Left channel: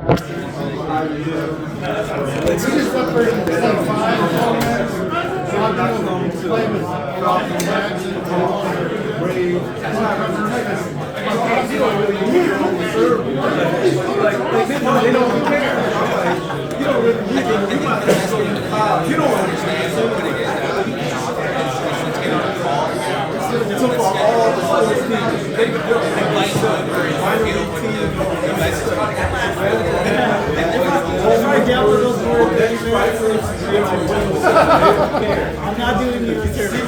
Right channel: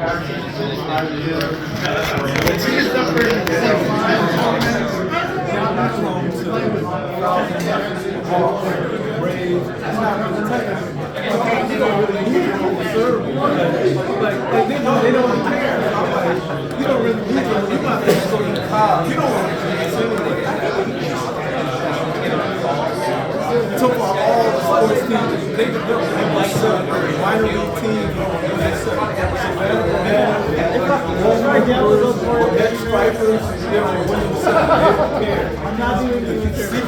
I'm not doing you a service.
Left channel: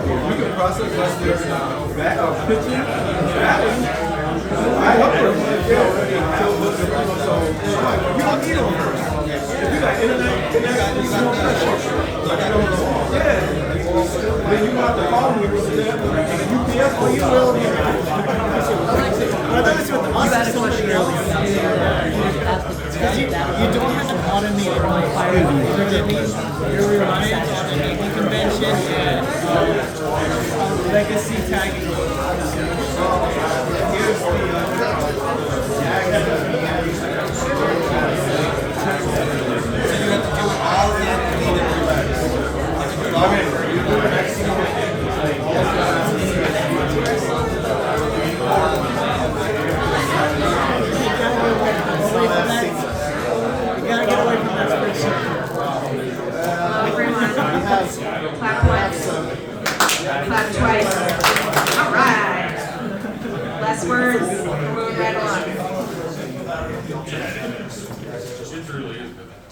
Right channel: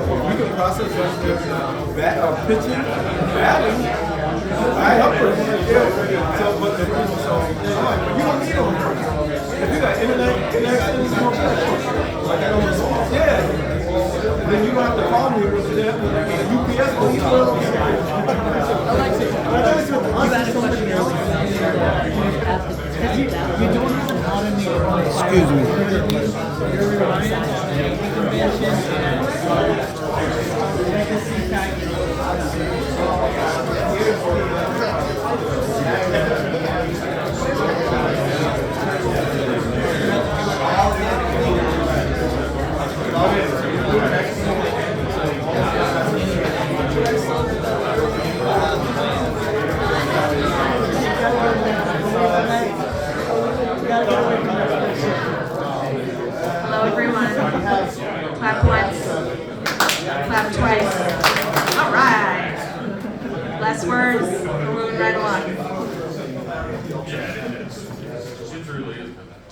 We can process that pitching. I want you don't need them first. If you got internet connections, then you don't have to call me with UPS, but you will. I noticed with the You had a question earlier. you don't have an automated your reliance convention and legacy tagging.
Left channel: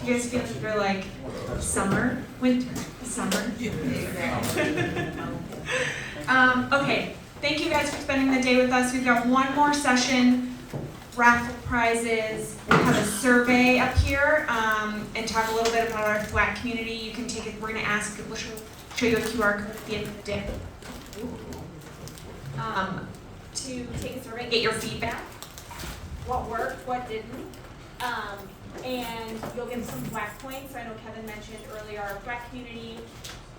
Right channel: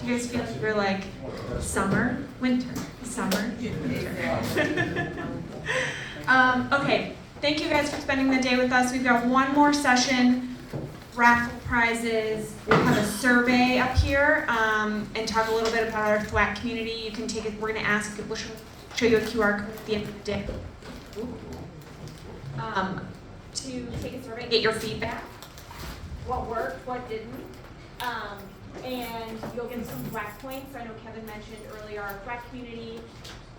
You guys feel like we're like summer, winter, summer? Okay, thank you guys for spending the day with us. We've got one more session, raffle prizes. We'll have a survey up here and talk a little bit about our flat community. You can take it. We're going to ask. We'll show you a QR code at the end of the day. To take a survey, get your feedback. What worked, what didn't. And you'll get some flat points. So I know Kevin mentioned earlier our flat community,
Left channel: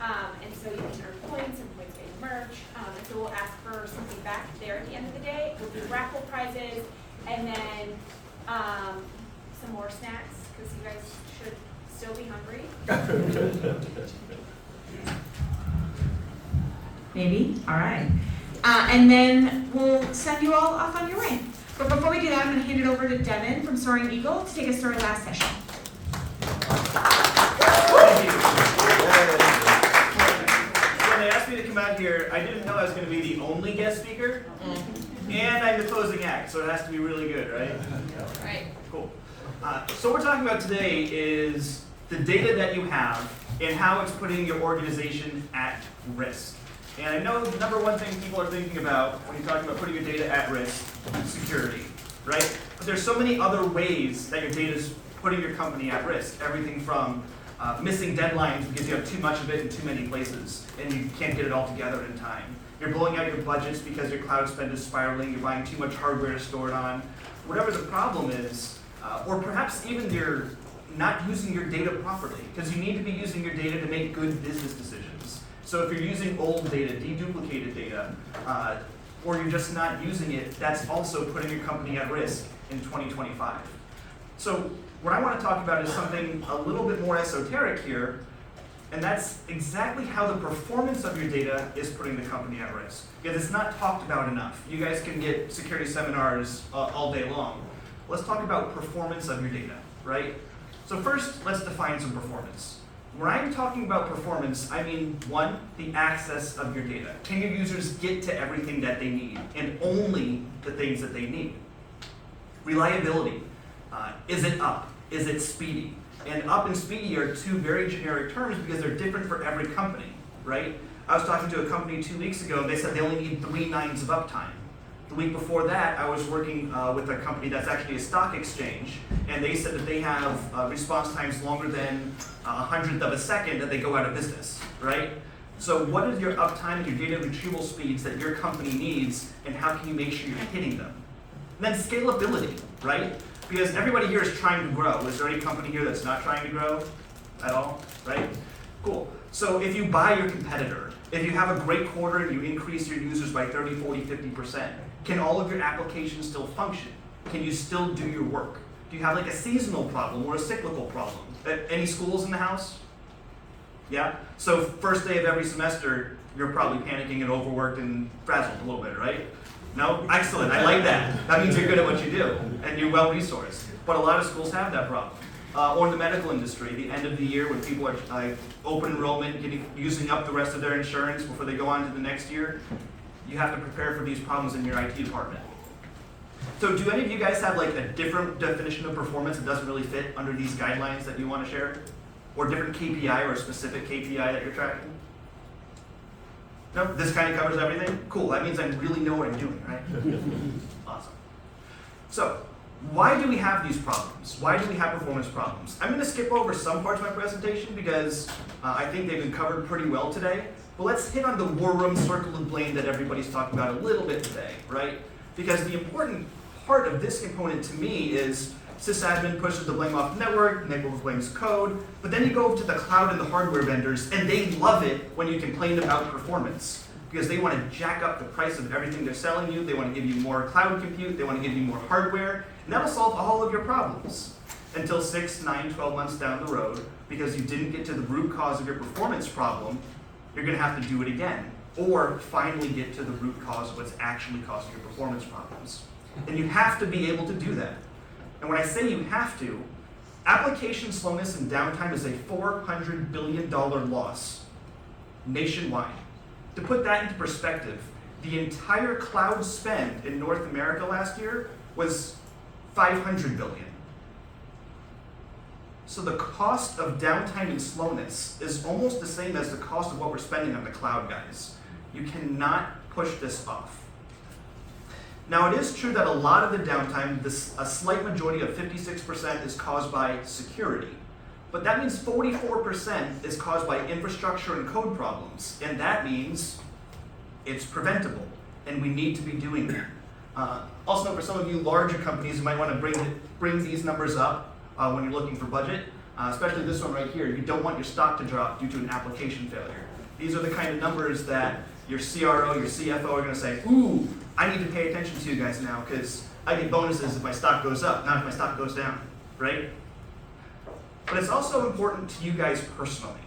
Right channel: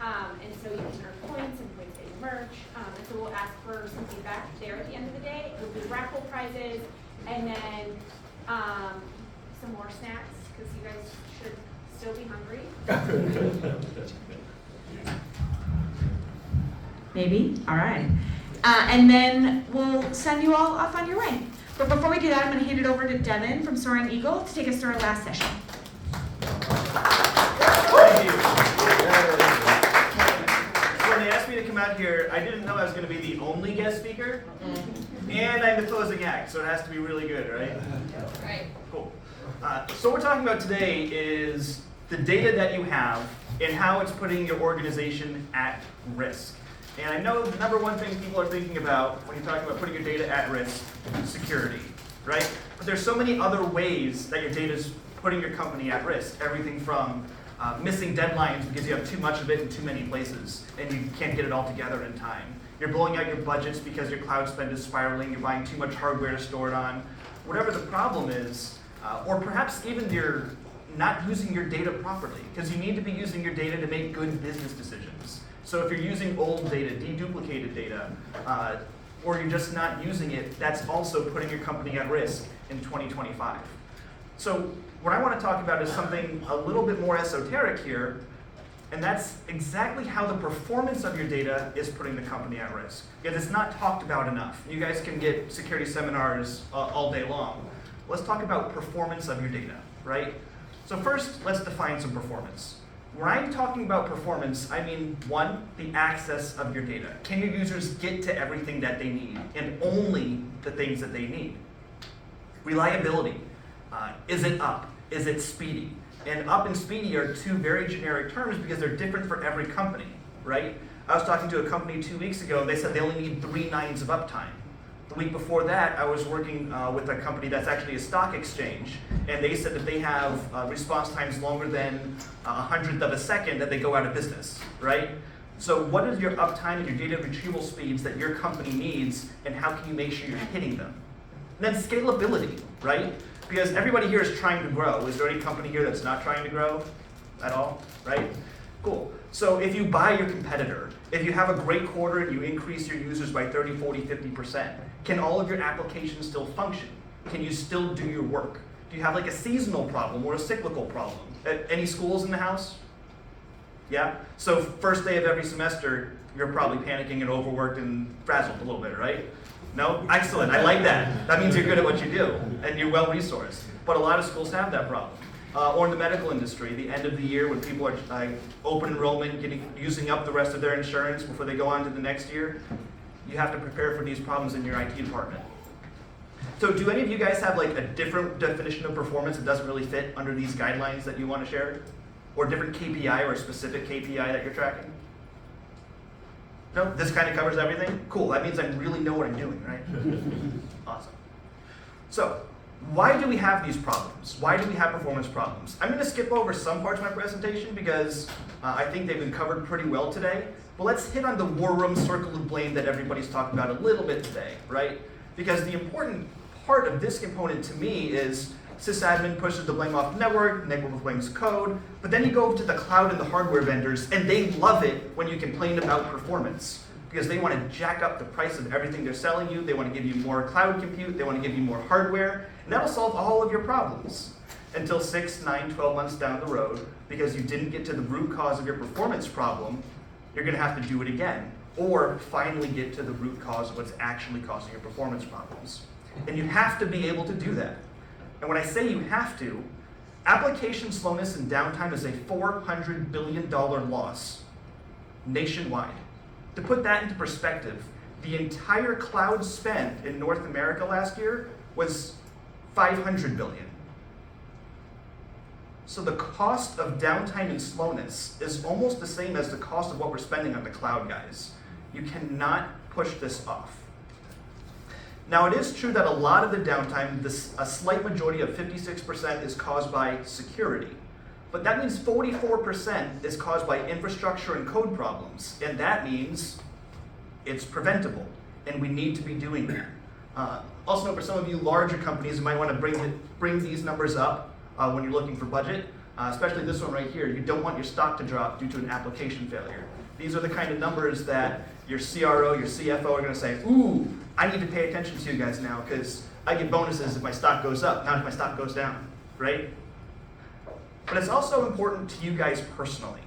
and so you can earn points and points in merch. And so we'll ask for some feedback there at the end of the day. We'll do raffle prizes, and then some more snacks because you guys should still be hungry. Maybe. All right. And then we'll send you all off on your way. But before we do that, I'm going to hand it over to Devin from Soaring Eagle to take us through our last session. Thank you. So when they asked me to come out here, I didn't know I was going to be the only guest speaker, and I'm the closing act, so it has to be really good, right? Right. Cool. So what we're talking about today is the data that you have and how it's putting your organization at risk. And I know the number one thing people are thinking about when you're talking about putting your data at risk is security, right? But there's so many other ways that your data is putting your company at risk. Everything from missing deadlines because you have too much of it in too many places and you can't get it all together in time. You're blowing out your budgets because your cloud spend is spiraling, you're buying too much hardware to store it on. Whatever the problem is, or perhaps even you're not using your data properly because you need to be using your data to make good business decisions. So if you're using old data, deduplicated data, or you're just not using it, that's also putting your company at risk in 2025. So what I want to talk about is something a little bit more esoteric here, and that's exactly how the performance of your data is putting the company at risk. Because it's not talked about enough. You guys can get security seminars all day long. Let's talk about performance of your data, right? So first, let's define some performance. When I'm talking about performance, I mean, one, the access of your data. Can your users get to everything that they need, and only the things that they need? Reliability. Is it up? Is it speedy? And up and speedy are two very generic terms because they're different for every company, right? I was talking to a company 2 weeks ago, they said they only need 3 nines of uptime. The week before that, I was working with a company that's actually a stock exchange, and they said that they have response times longer than 100th of a second that they go out of business, right? So what is your uptime and your data retrieval speeds that your company needs, and how can you make sure you're hitting them? And then scalability, right? Because everybody here is trying to grow. Is there any company here that's not trying to grow at all, right? Cool. So if you buy your competitor, if you have a great quarter and you increase your users by 30, 40, 50%, Can all of your applications still function? Can you still do your work? Do you have like a seasonal problem or a cyclical problem? Any schools in the house? Yeah? So first day of every semester, you're probably panicking and overworked and frazzled a little bit, right? No? Excellent, I like that. That means you're good at what you do and you're well-resourced. But a lot of schools have that problem. Or in the medical industry, the end of the year when people are open enrollment, using up the rest of their insurance before they go on to the next year, you have to prepare for these problems in your IT department. So do any of you guys have like a different definition of performance that doesn't really fit under these guidelines that you want to share? Or different KPI or a specific KPI that you're tracking? No? This kind of covers everything? Cool, that means I really know what I'm doing, right? Awesome. So, why do we have these problems? Why do we have performance problems? I'm going to skip over some parts of my presentation because I think they've been covered pretty well today. But let's hit on the war room circle of blame that everybody's talking about a little bit today, right? Because the important part of this component to me is sysadmin pushes the blame off the network, network blames code, but then you go to the cloud and the hardware vendors, and they love it when you complain about performance, because they want to jack up the price of everything they're selling you, they want to give you more cloud compute, they want to give you more hardware, and that'll solve all of your problems until 6, 9, 12 months down the road, because you didn't get to the root cause of your performance problem, you're going to have to do it again, or finally get to the root cause of what's actually causing your performance problems. And you have to be able to do that. And when I say you have to, application slowness and downtime is a $400 billion loss nationwide. To put that into perspective, the entire cloud spend in North America last year was $500 billion. So the cost of downtime and slowness is almost the same as the cost of what we're spending on the cloud, guys. You cannot push this off. Now, it is true that a lot of the downtime, a slight majority of 56% is caused by security. But that means 44% is caused by infrastructure and code problems. And that means it's preventable. And we need to be doing that. Also, for some of you larger companies, you might want to bring these numbers up when you're looking for budget. Especially this one right here. You don't want your stock to drop due to an application failure. These are the kind of numbers that your CRO, your CFO are going to say, ooh, I need to pay attention to you guys now because I get bonuses if my stock goes up, not if my stock goes down, right? But it's also important to you guys personally.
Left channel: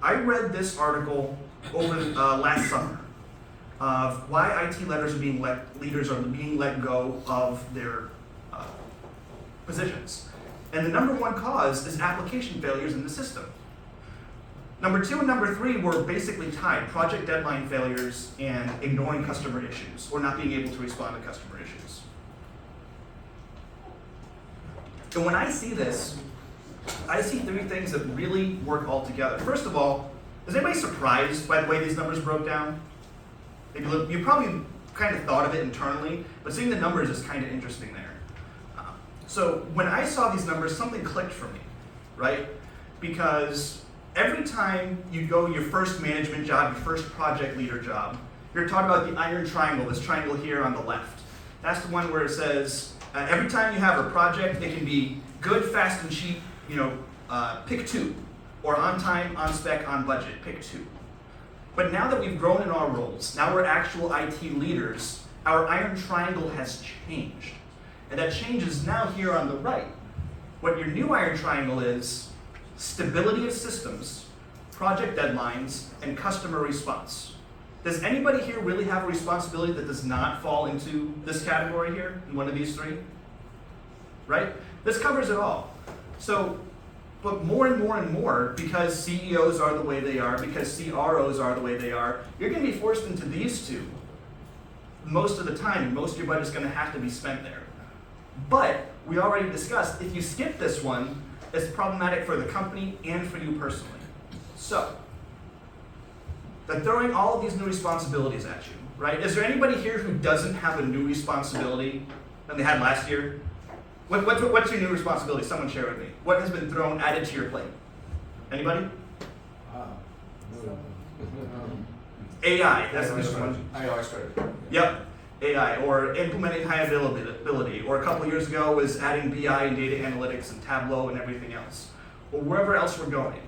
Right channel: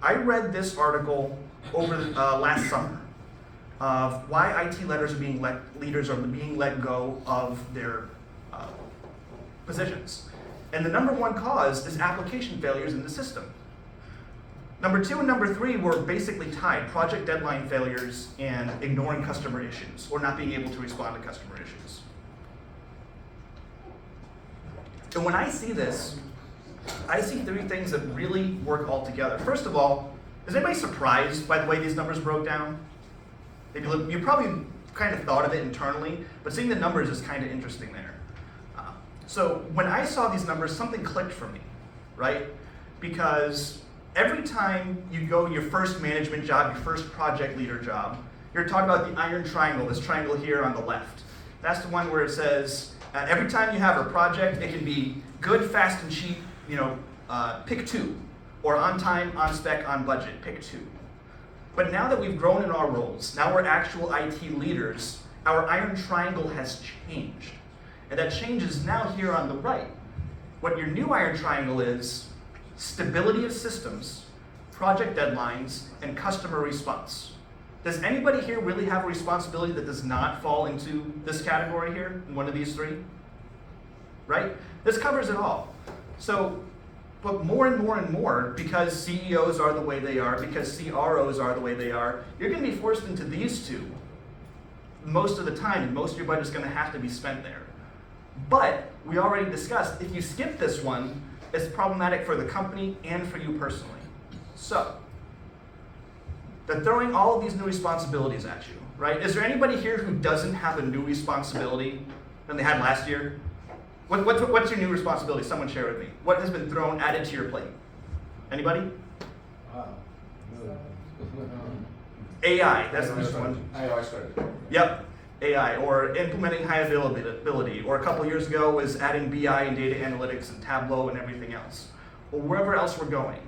I read this article over last summer of why IT leaders are being let go of their positions. And the number one cause is application failures in the system. Number 2 and number 3 were basically tied, project deadline failures and ignoring customer issues, or not being able to respond to customer issues. And when I see this, I see 3 things that really work all together. First of all, is anybody surprised by the way these numbers broke down? You probably kind of thought of it internally, but seeing the numbers is kind of interesting there. So when I saw these numbers, something clicked for me, right? Because every time you go your first management job, your first project leader job, you're talking about the iron triangle, this triangle here on the left. That's the one where it says, every time you have a project, it can be good, fast, and cheap, pick 2. Or on time, on spec, on budget, pick 2. But now that we've grown in our roles, now we're actual IT leaders, our iron triangle has changed. And that change is now here on the right. What your new iron triangle is, stability of systems, project deadlines, and customer response. Does anybody here really have a responsibility that does not fall into this category here, in one of these 3? Right? This covers it all. So, but more and more and more, because CEOs are the way they are, because CROs are the way they are, you're going to be forced into these 2 most of the time, and most of your budget's going to have to be spent there. But we already discussed, if you skip this one, it's problematic for the company and for you personally. So, they're throwing all of these new responsibilities at you, right? Is there anybody here who doesn't have a new responsibility than they had last year? What's your new responsibility? Someone share with me. What has been thrown added to your plate? Anybody? AI, that's the new one. AI strategy. Yep, AI, or implementing high availability, or a couple years ago was adding BI and data analytics and Tableau and everything else, or wherever else we're going.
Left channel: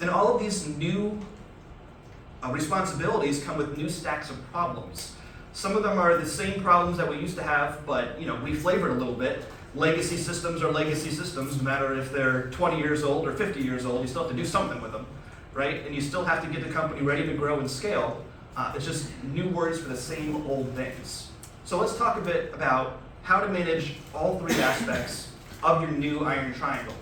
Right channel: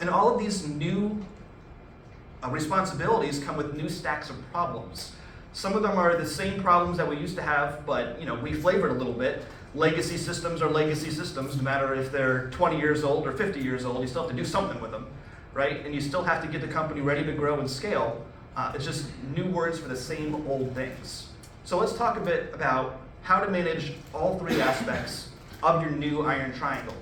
And all of these new responsibilities come with new stacks of problems. Some of them are the same problems that we used to have, but we flavored a little bit. Legacy systems are legacy systems, no matter if they're 20 years old or 50 years old, you still have to do something with them, right? And you still have to get the company ready to grow and scale. It's just new words for the same old things. So let's talk a bit about how to manage all three aspects of your new Iron Triangle.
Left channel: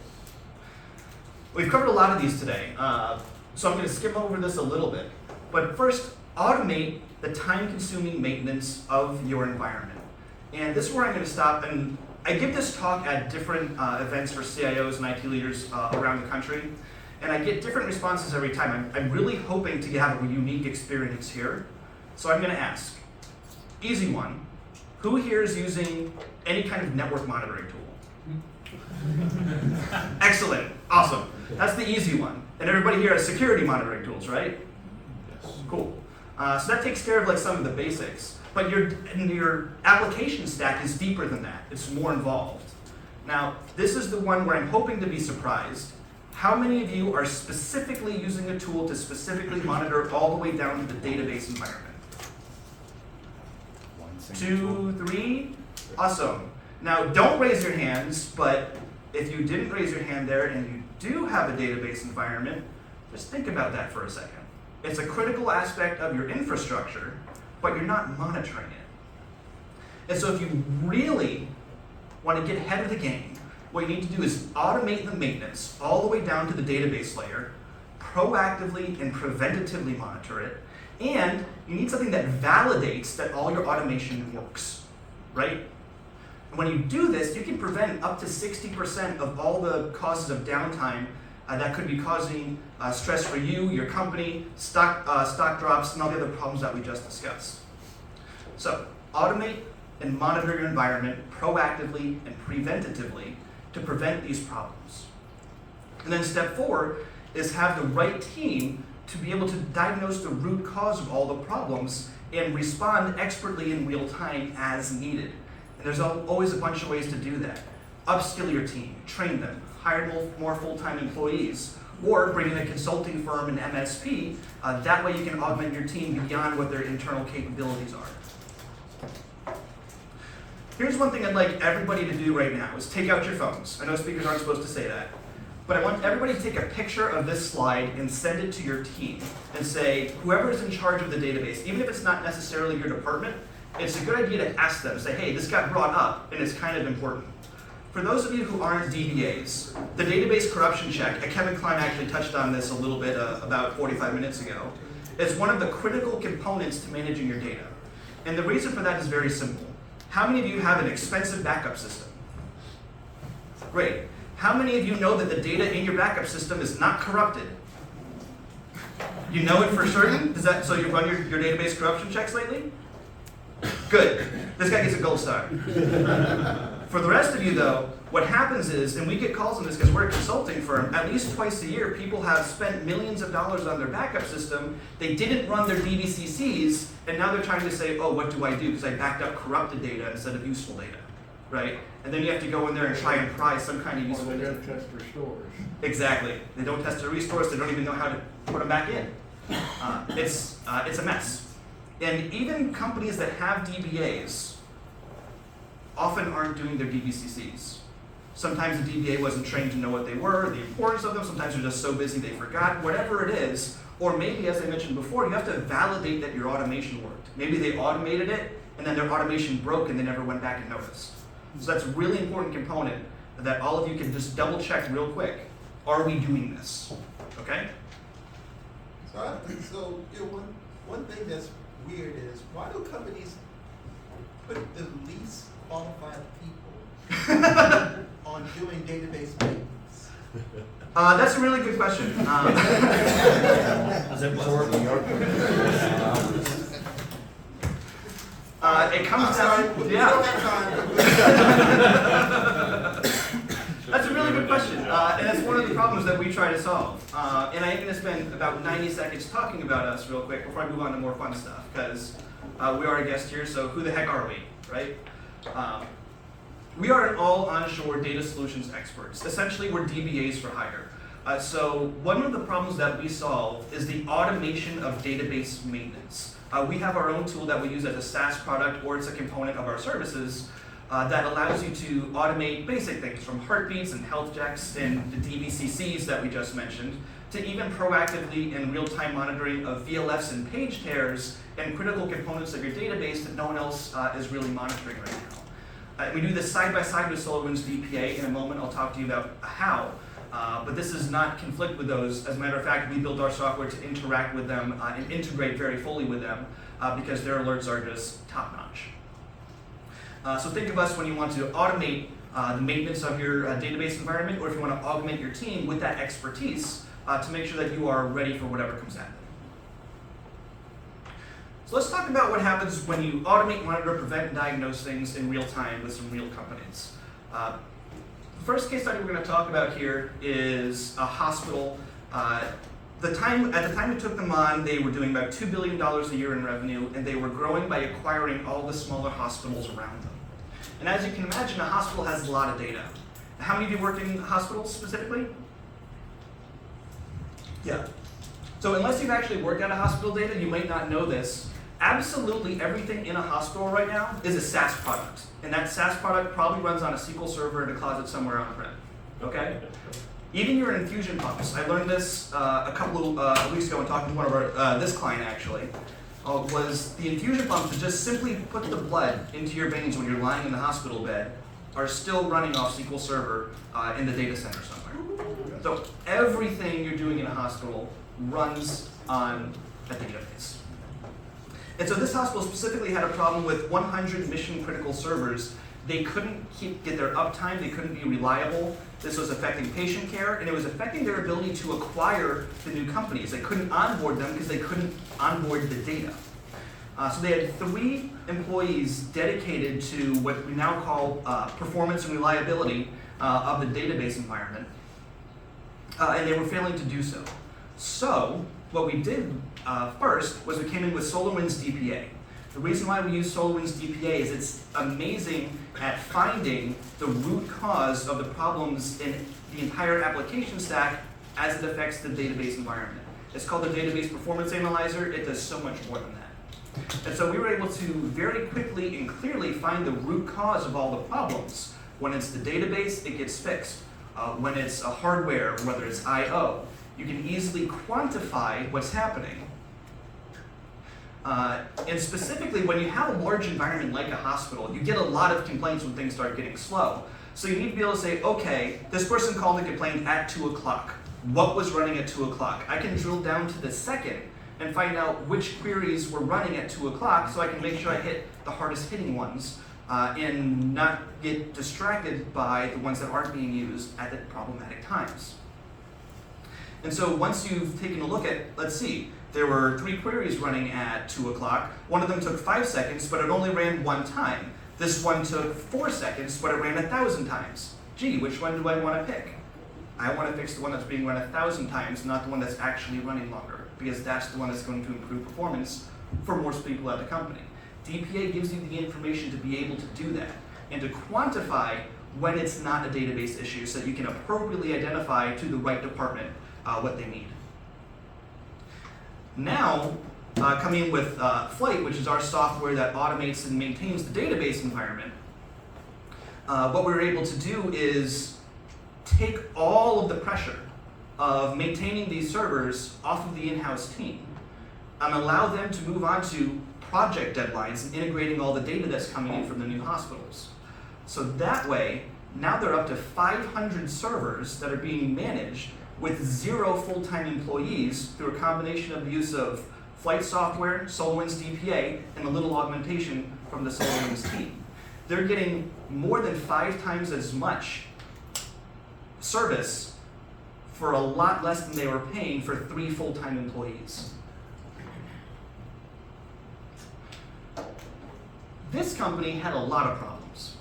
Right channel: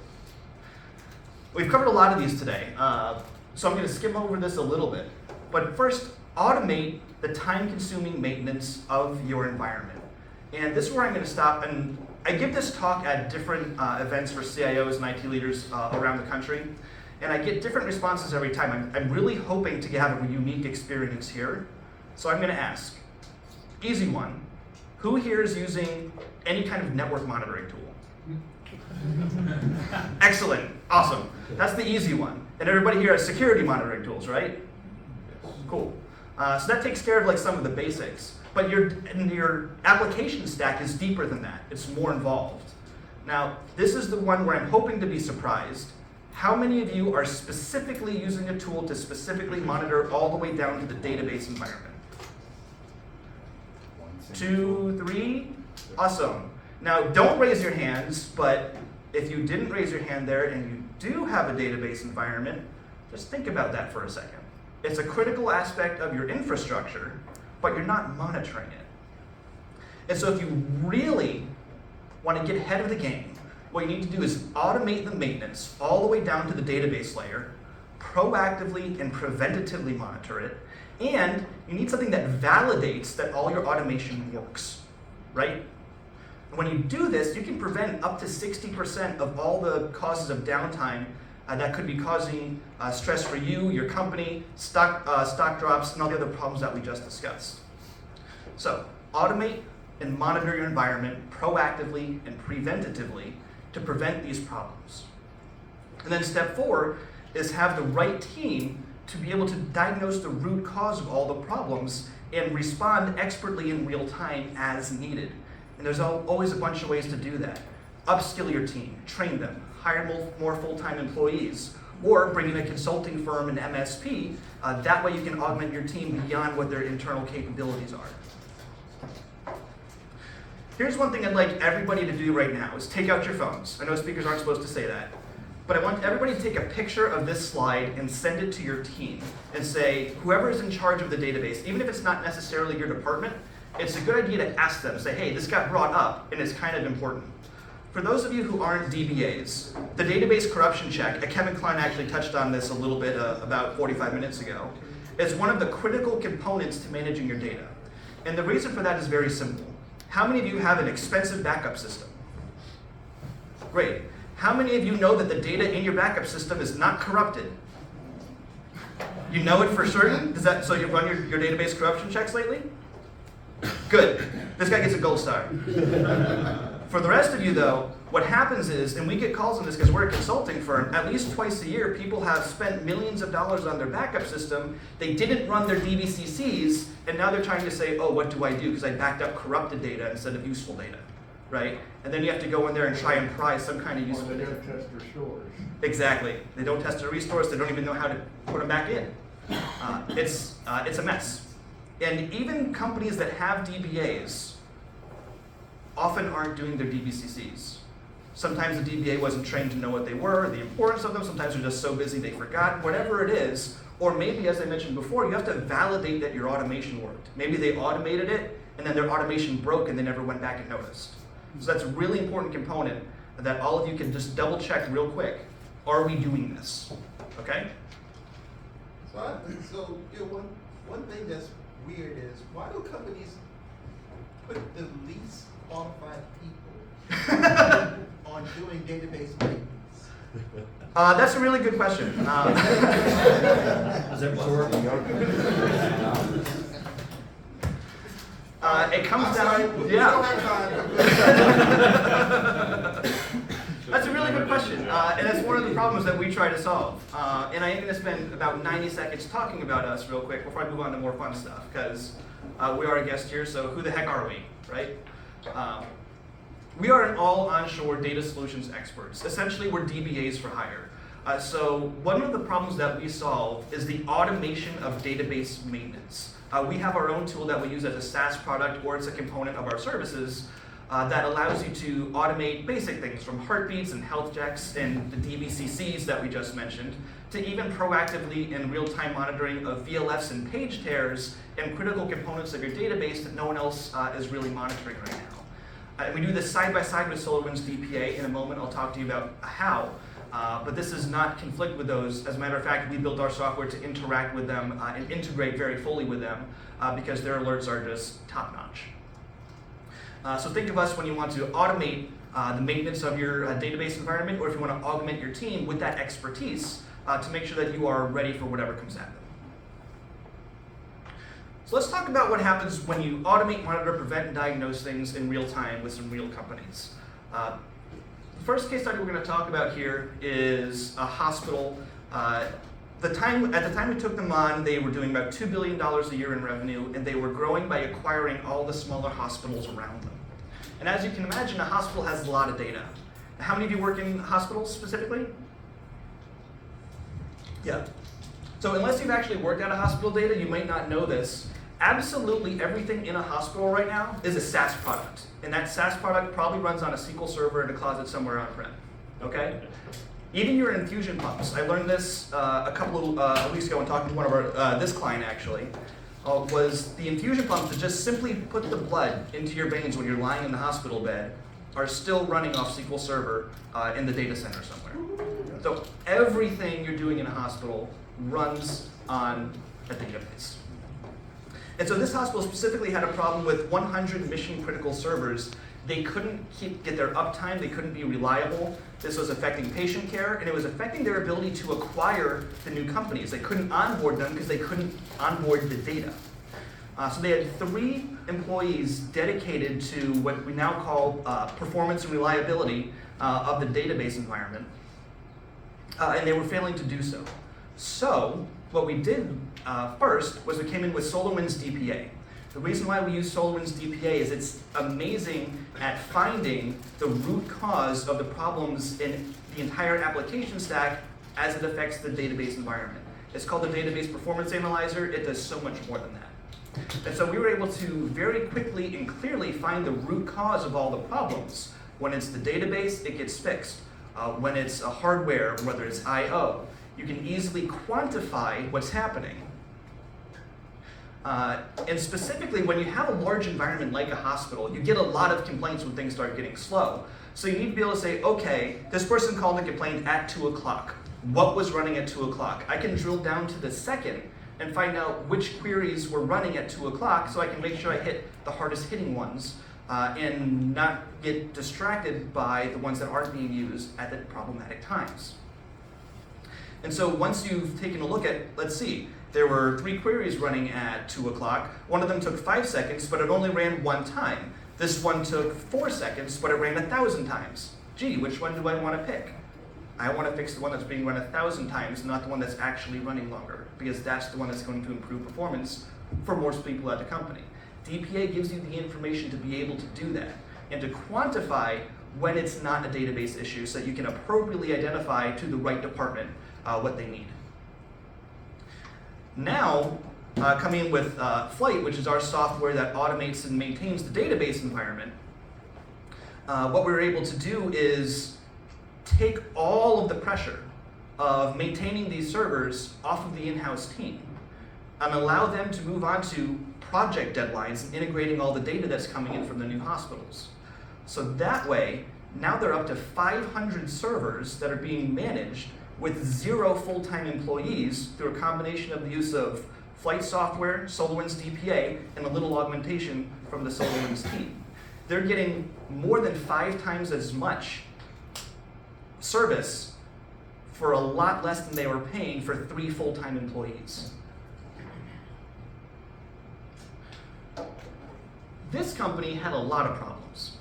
We've covered a lot of these today, so I'm going to skim over this a little bit. But first, automate the time-consuming maintenance of your environment. And this is where I'm going to stop. And I give this talk at different events for CIOs and IT leaders around the country. And I get different responses every time. I'm really hoping to have a unique experience here. So I'm going to ask, easy one, who here is using any kind of network monitoring tool? Excellent, awesome. That's the easy one. And everybody here has security monitoring tools, right? Yes. Cool. So that takes care of like some of the basics. But your application stack is deeper than that. It's more involved. Now, this is the one where I'm hoping to be surprised. How many of you are specifically using a tool to specifically monitor all the way down to the database environment? 2, 3, awesome. Now, don't raise your hands, but if you didn't raise your hand there and you do have a database environment, just think about that for a second. It's a critical aspect of your infrastructure, but you're not monitoring it. And so if you really want to get ahead of the game, what you need to do is automate the maintenance all the way down to the database layer, proactively and preventatively monitor it, and you need something that validates that all your automation works, right? When you do this, you can prevent up to 60% of all the causes of downtime that could be causing stress for you, your company, stock drops, and all the other problems that we just discussed. So automate and monitor your environment proactively and preventatively to prevent these problems. And then step 4 is have the right team to be able to diagnose the root cause of all the problems and respond expertly in real time as needed. And there's always a bunch of ways to do that. Upskill your team, train them, hire more full-time employees, or bring in a consulting firm, an MSP. That way you can augment your team beyond what their internal capabilities are. Here's one thing I'd like everybody to do right now is take out your phones. I know speakers aren't supposed to say that. But I want everybody to take a picture of this slide and send it to your team and say, whoever's in charge of the database, even if it's not necessarily your department, it's a good idea to ask them, say, hey, this got brought up and it's kind of important. For those of you who aren't DBAs, the database corruption check, Kevin Klein actually touched on this a little bit about 45 minutes ago. It's one of the critical components to managing your data. And the reason for that is very simple. How many of you have an expensive backup system? Great. How many of you know that the data in your backup system is not corrupted? You know it for certain? So you've run your database corruption checks lately? Good. This guy gets a gold star. For the rest of you though, what happens is, and we get calls on this because we're a consulting firm, at least twice a year people have spent millions of dollars on their backup system, they didn't run their DBCCs, and now they're trying to say, oh, what do I do? Because I backed up corrupted data instead of useful data, right? And then you have to go in there and try and prize some kind of useful data. They don't test restores. Exactly. They don't test the restores, they don't even know how to put them back in. It's a mess. And even companies that have DBAs often aren't doing their DBCCs. Sometimes the DBA wasn't trained to know what they were, the importance of them, sometimes they're just so busy they forgot, whatever it is. Or maybe, as I mentioned before, you have to validate that your automation worked. Maybe they automated it, and then their automation broke and they never went back and noticed. So that's a really important component that all of you can just double check real quick. Are we doing this? Okay? So one thing that's weird is, why do companies put the least qualified people on doing database maintenance? That's a really good question. It comes down. We don't have time. That's a really good question, and it's one of the problems that we try to solve. And I am going to spend about 90 seconds talking about us real quick before I move on to more fun stuff, because we are a guest here, so who the heck are we, right? We are an all onshore data solutions experts. Essentially, we're DBAs for hire. So one of the problems that we solve is the automation of database maintenance. We have our own tool that we use as a SaaS product, or it's a component of our services that allows you to automate basic things from heartbeats and health checks and the DVCCs that we just mentioned, to even proactively and real-time monitoring of VLFs and page tears and critical components of your database that no one else is really monitoring right now. And we do this side by side with SolarWinds DPA. In a moment, I'll talk to you about how. But this does not conflict with those. As a matter of fact, we built our software to interact with them and integrate very fully with them because their alerts are just top-notch. So think of us when you want to automate the maintenance of your database environment, or if you want to augment your team with that expertise to make sure that you are ready for whatever comes at them. So let's talk about what happens when you automate, monitor, prevent, and diagnose things in real time with some real companies. The first case study we're going to talk about here is a hospital. At the time we took them on, they were doing about $2 billion a year in revenue, and they were growing by acquiring all the smaller hospitals around them. And as you can imagine, a hospital has a lot of data. How many of you work in hospitals specifically? Yeah. So unless you've actually worked at a hospital data, you might not know this. Absolutely everything in a hospital right now is a SaaS product. And that SaaS product probably runs on a SQL server in a closet somewhere on-prem, okay? Even your infusion pumps. I learned this a couple of weeks ago when talking to one of our, this client actually, was the infusion pumps to just simply put the blood into your veins when you're lying in the hospital bed are still running off SQL Server in the data center somewhere. So everything you're doing in a hospital runs on a database. And so this hospital specifically had a problem with 100 mission critical servers. They couldn't get their uptime, they couldn't be reliable. This was affecting patient care, and it was affecting their ability to acquire the new companies. They couldn't onboard them because they couldn't onboard the data. So they had 3 employees dedicated to what we now call performance and reliability of the database environment, and they were failing to do so. So what we did first was we came in with SolarWinds DPA. The reason why we use SolarWinds DPA is it's amazing at finding the root cause of the problems in the entire application stack as it affects the database environment. It's called the Database Performance Analyzer. It does so much more than that. And so we were able to very quickly and clearly find the root cause of all the problems. When it's the database, it gets fixed. When it's a hardware, whether it's I/O, you can easily quantify what's happening. And specifically, when you have a large environment like a hospital, you get a lot of complaints when things start getting slow. So you need to be able to say, okay, this person called and complained at 2 o'clock. What was running at 2 o'clock? I can drill down to the second and find out which queries were running at 2 o'clock so I can make sure I hit the hardest hitting ones and not get distracted by the ones that aren't being used at the problematic times. And so once you've taken a look at, let's see, there were 3 queries running at 2 o'clock. One of them took 5 seconds, but it only ran 1 time. This one took 4 seconds, but it ran 1,000 times. Gee, which one do I want to pick? I want to fix the one that's being run 1,000 times, not the one that's actually running longer, because that's the one that's going to improve performance for most people at the company. DPA gives you the information to be able to do that and to quantify when it's not a database issue so that you can appropriately identify to the right department what they need. Now, coming in with Flight, which is our software that automates and maintains the database environment, what we were able to do is take all of the pressure of maintaining these servers off of the in-house team and allow them to move on to project deadlines and integrating all the data that's coming in from the new hospitals. So that way, now they're up to 500 servers that are being managed with 0 full-time employees through a combination of the use of Flight software, SolarWinds DPA, and a little augmentation from the SolarWinds team. They're getting more than 5 times as much service for a lot less than they were paying for 3 full-time employees. This company had a lot of problems.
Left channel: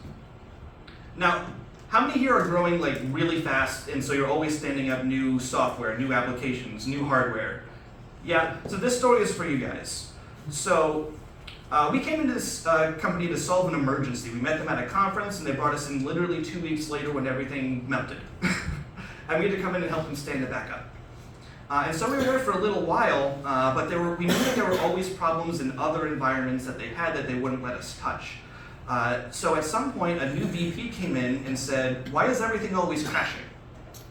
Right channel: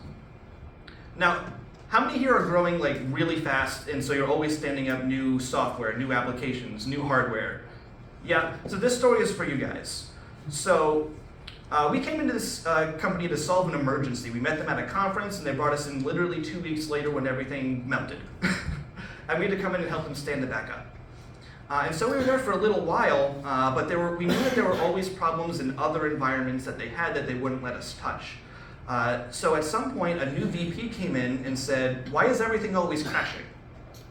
Now, how many here are growing like really fast and so you're always standing up new software, new applications, new hardware? Yeah, so this story is for you guys. So we came into this company to solve an emergency. We met them at a conference and they brought us in literally 2 weeks later when everything melted. and we had to come in and help them stand it back up. And so we were there for a little while, but we knew that there were always problems in other environments that they had that they wouldn't let us touch. So at some point, a new VP came in and said, why is everything always crashing?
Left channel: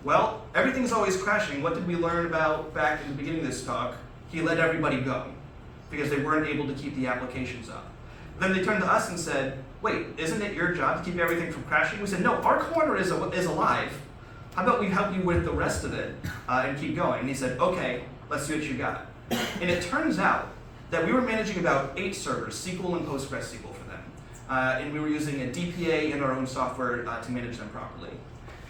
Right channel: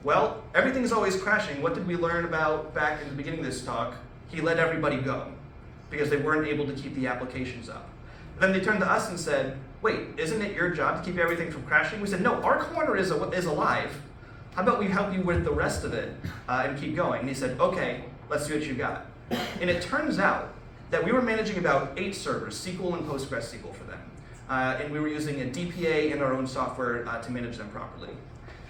Well, everything's always crashing. What did we learn about back in the beginning of this talk? He let everybody go because they weren't able to keep the applications up. Then they turned to us and said, wait, isn't it your job to keep everything from crashing? We said, no, our corner is alive. How about we help you with the rest of it and keep going? And he said, okay, let's see what you got. And it turns out that we were managing about 8 servers, SQL and PostgreSQL for them. And we were using a DPA and our own software to manage them properly.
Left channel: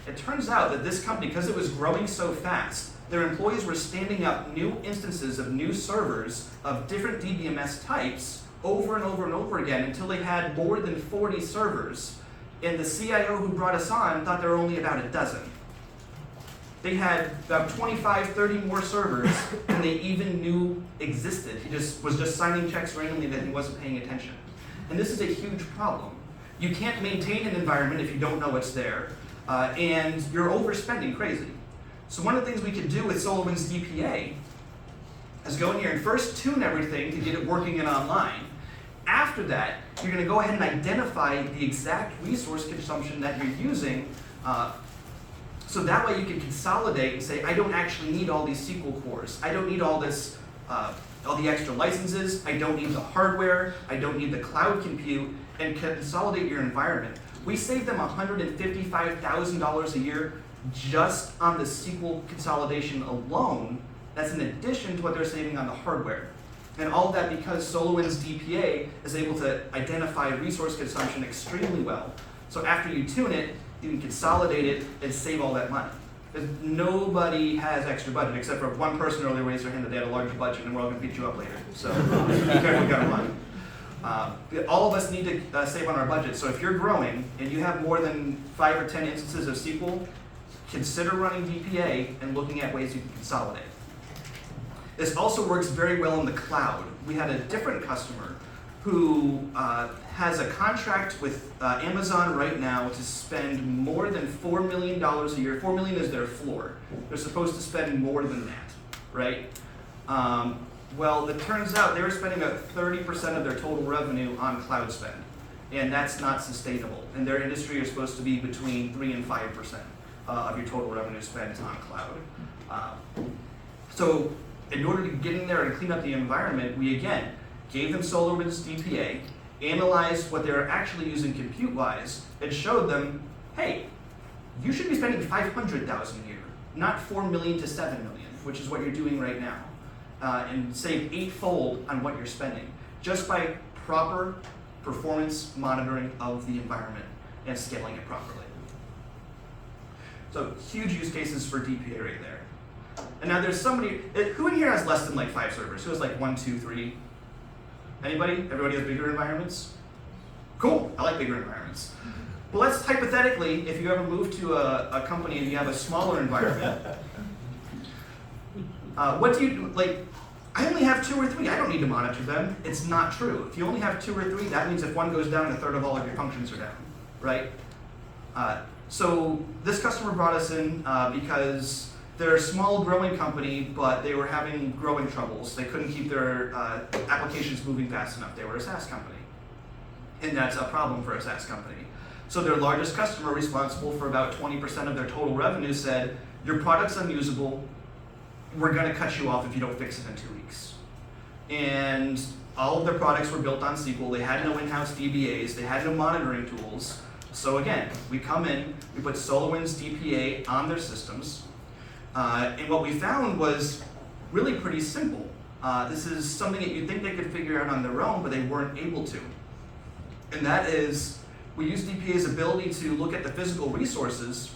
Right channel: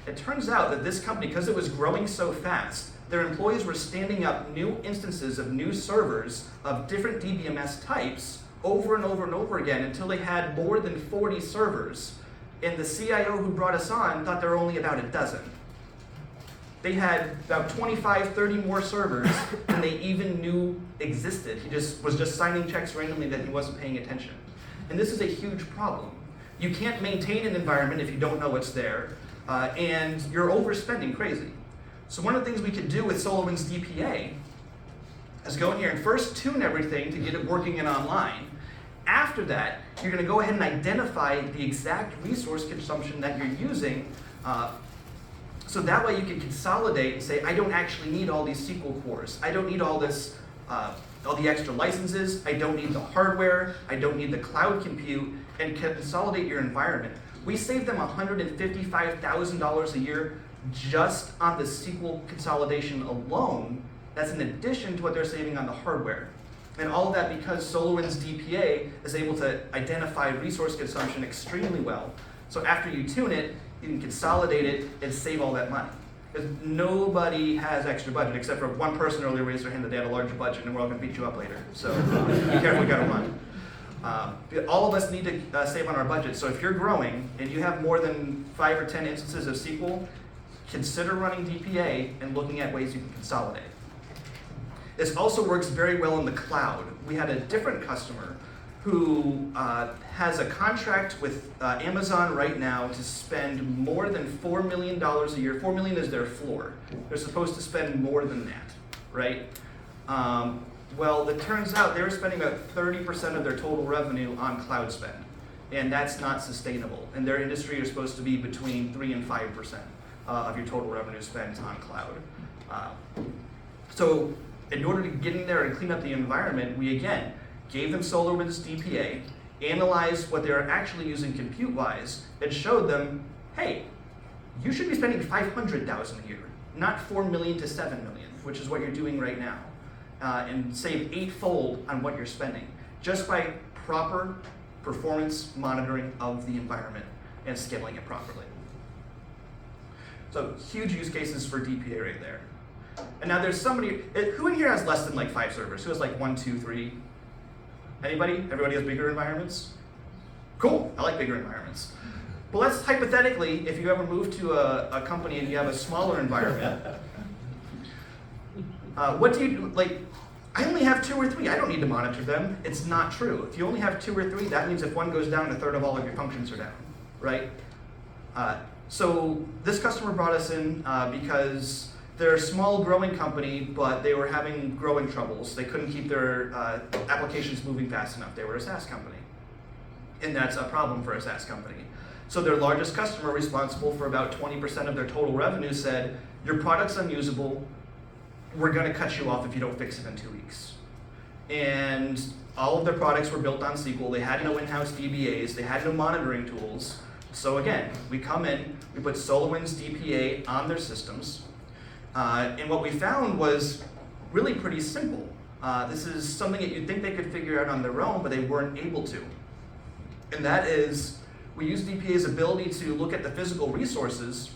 It turns out that this company, because it was growing so fast, their employees were standing up new instances of new servers of different DBMS types over and over and over again until they had more than 40 servers. And the CIO who brought us on thought there were only about a dozen. They had about 25, 30 more servers than they even knew existed. He was just signing checks randomly that he wasn't paying attention. And this is a huge problem. You can't maintain an environment if you don't know it's there, and you're overspending crazy. So one of the things we could do with SolarWinds DPA is go in here and first tune everything to get it working and online. After that, you're going to go ahead and identify the exact resource consumption that you're using, so that way you can consolidate and say, I don't actually need all these SQL cores. I don't need all this, all the extra licenses. I don't need the hardware. I don't need the cloud compute, and consolidate your environment. We saved them $155,000 a year just on the SQL consolidation alone. That's in addition to what they're saving on the hardware. And all of that because SolarWinds DPA is able to identify resource consumption extremely well. So after you tune it, you can consolidate it and save all that money. Because nobody has extra budget, except for one person earlier raised their hand that they had a large budget, and we're all going to beat you up later. So be careful, you got to run. All of us need to save on our budget. So if you're growing and you have more than 5 or 10 instances of SQL, consider running DPA and looking at ways you can consolidate. This also works very well in the cloud. We had a different customer who has a contract with Amazon right now to spend more than $4 million a year. $4 million is their floor. They're supposed to spend more than that, right? Well, it turns out they were spending about 30% of their total revenue on cloud spend, and that's not sustainable. And their industry is supposed to be between 3 and 5% of your total revenue spent on cloud. So in order to get in there and clean up the environment, we again gave them SolarWinds DPA, analyzed what they were actually using compute-wise, and showed them, hey, you should be spending $500,000 a year, not $4 million to $7 million, which is what you're doing right now, and save 8-fold on what you're spending, just by proper performance monitoring of the environment and scaling it properly. So huge use cases for DPA right there. And now there's somebody, who in here has less than like 5 servers? Who has like 1, 2, 3? Anybody? Everybody has bigger environments? Cool, I like bigger environments. But let's hypothetically, if you ever move to a company and you have a smaller environment, what do you do? Like, I only have 2 or 3, I don't need to monitor them. It's not true. If you only have 2 or 3, that means if one goes down, 1/3 of all of your functions are down, right? So this customer brought us in because they're a small growing company, but they were having growing troubles. They couldn't keep their applications moving fast enough. They were a SaaS company. And that's a problem for a SaaS company. So their largest customer, responsible for about 20% of their total revenue, said, your product's unusable, we're gonna cut you off if you don't fix it in 2 weeks. And all of their products were built on SQL. They had no in-house DBAs. They had no monitoring tools. So again, we come in, we put SolarWinds DPA on their systems, and what we found was really pretty simple. This is something that you'd think they could figure out on their own, but they weren't able to. And that is, we used DPA's ability to look at the physical resources,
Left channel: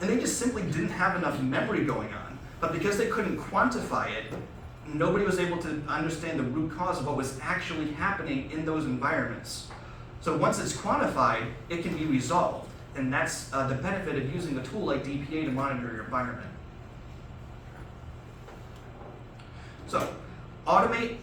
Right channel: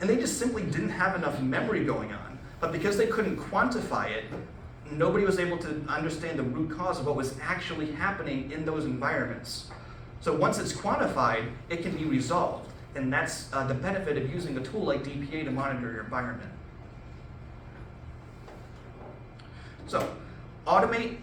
and they just simply didn't have enough memory going on. But because they couldn't quantify it, nobody was able to understand the root cause of what was actually happening in those environments. So once it's quantified, it can be resolved. And that's the benefit of using a tool like DPA to monitor your environment. So, automate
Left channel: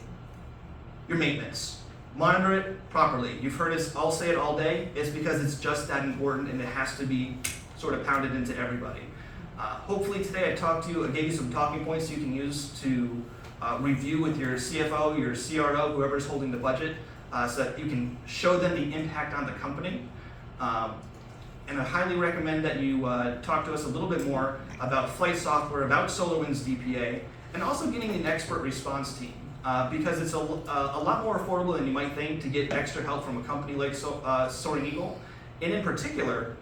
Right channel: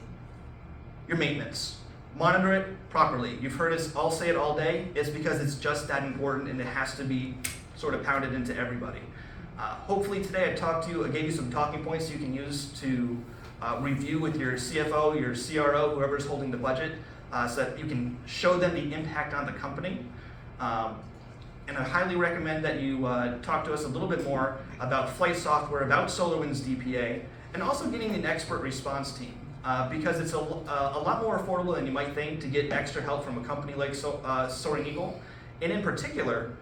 your maintenance. Monitor it properly. You've heard us all say it all day. It's because it's just that important and it has to be sort of pounded into everybody. Hopefully today I talked to you and gave you some talking points you can use to review with your CFO, your CRO, whoever's holding the budget, so that you can show them the impact on the company. And I highly recommend that you talk to us a little bit more about flight software, about SolarWinds DPA, and also getting an expert response team. Because it's a lot more affordable than you might think to get extra help from a company like Soaring, and in particular,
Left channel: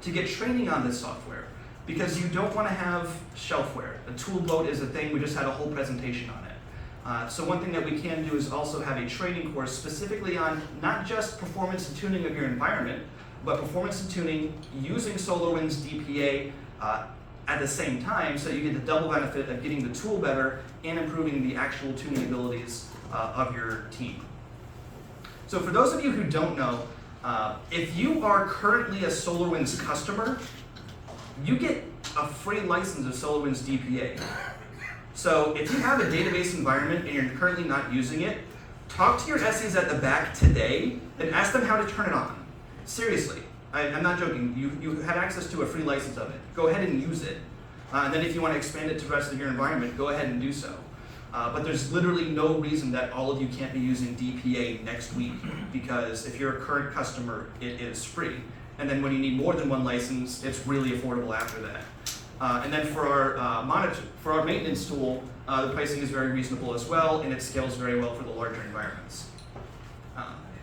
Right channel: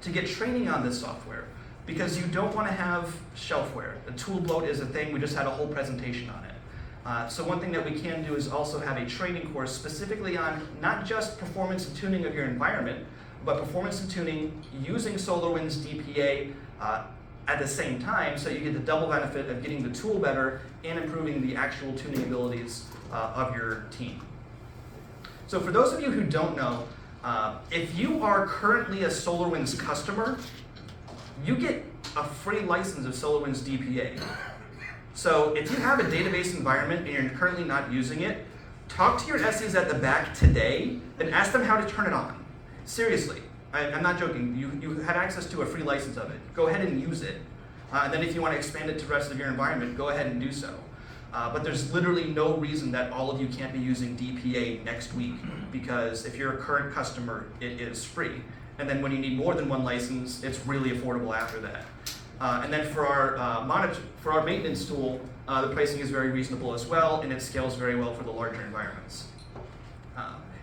to get training on this software. Because you don't want to have shelfware. A tool bloat is a thing, we just had a whole presentation on it. So one thing that we can do is also have a training course specifically on not just performance and tuning of your environment, but performance and tuning using SolarWinds DPA at the same time, so you get the double benefit of getting the tool better and improving the actual tuning abilities of your team. So for those of you who don't know, if you are currently a SolarWinds customer, you get a free license of SolarWinds DPA. So if you have a database environment and you're currently not using it, talk to your SEs at the back today and ask them how to turn it on. Seriously, I'm not joking. You have access to a free license of it. Go ahead and use it. And then if you want to expand it to the rest of your environment, go ahead and do so. But there's literally no reason that all of you can't be using DPA next week, because if you're a current customer, it is free. And then when you need more than one license, it's really affordable after that. And then for our maintenance tool, the pricing is very reasonable as well, and it scales very well for the larger environments.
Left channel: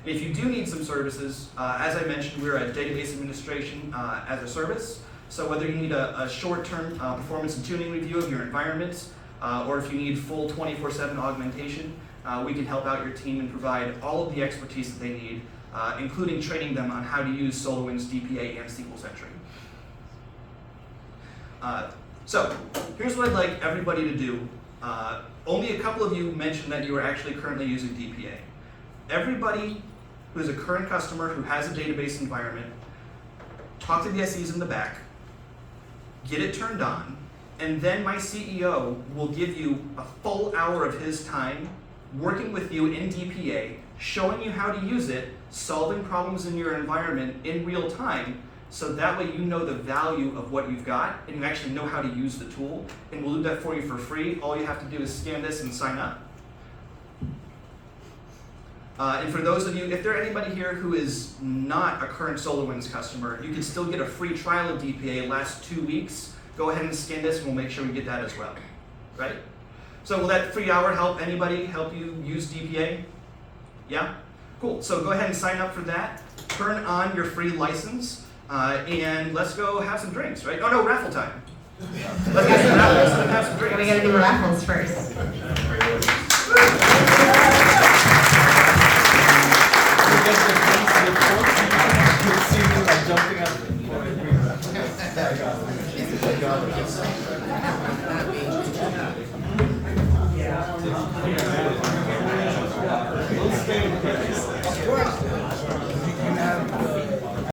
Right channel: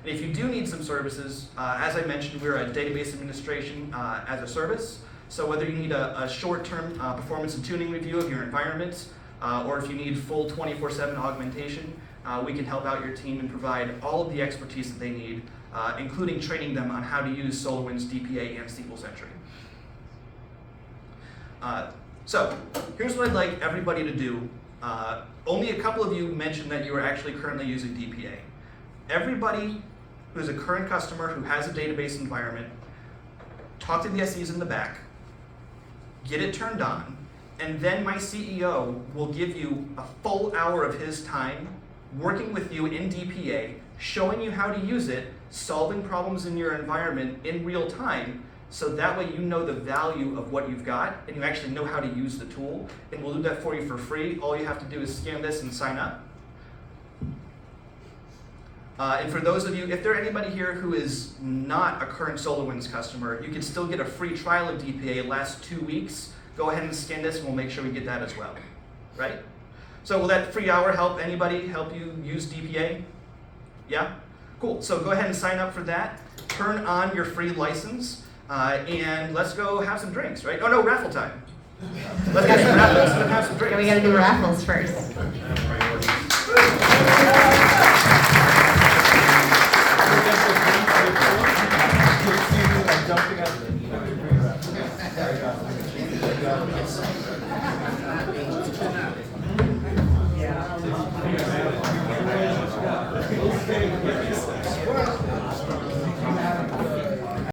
If you do need some services, as I mentioned, we're a database administration as a service. So whether you need a short-term performance and tuning review of your environment, or if you need full 24/7 augmentation, we can help out your team and provide all of the expertise that they need, including training them on how to use SolarWinds DPA and SQL Sentry. So here's what I'd like everybody to do. Only a couple of you mentioned that you are actually currently using DPA. Everybody who is a current customer who has a database environment, talk to the SEs in the back, get it turned on, and then my CEO will give you a full hour of his time working with you in DPA, showing you how to use it, solving problems in your environment in real time, so that way you know the value of what you've got and you actually know how to use the tool. And we'll do that for you for free. All you have to do is scan this and sign up. And for those of you, if there anybody here who is not a current SolarWinds customer, you can still get a free trial of DPA. It lasts 2 weeks. Go ahead and scan this and we'll make sure we get that as well, right? So will that free hour help anybody, help you use DPA? Yeah? Cool, so go ahead and sign up for that. Turn on your free license, and let's go have some drinks, right? Oh no, raffle time. Let's have some drinks. We gotta do raffles first. Jumping out of the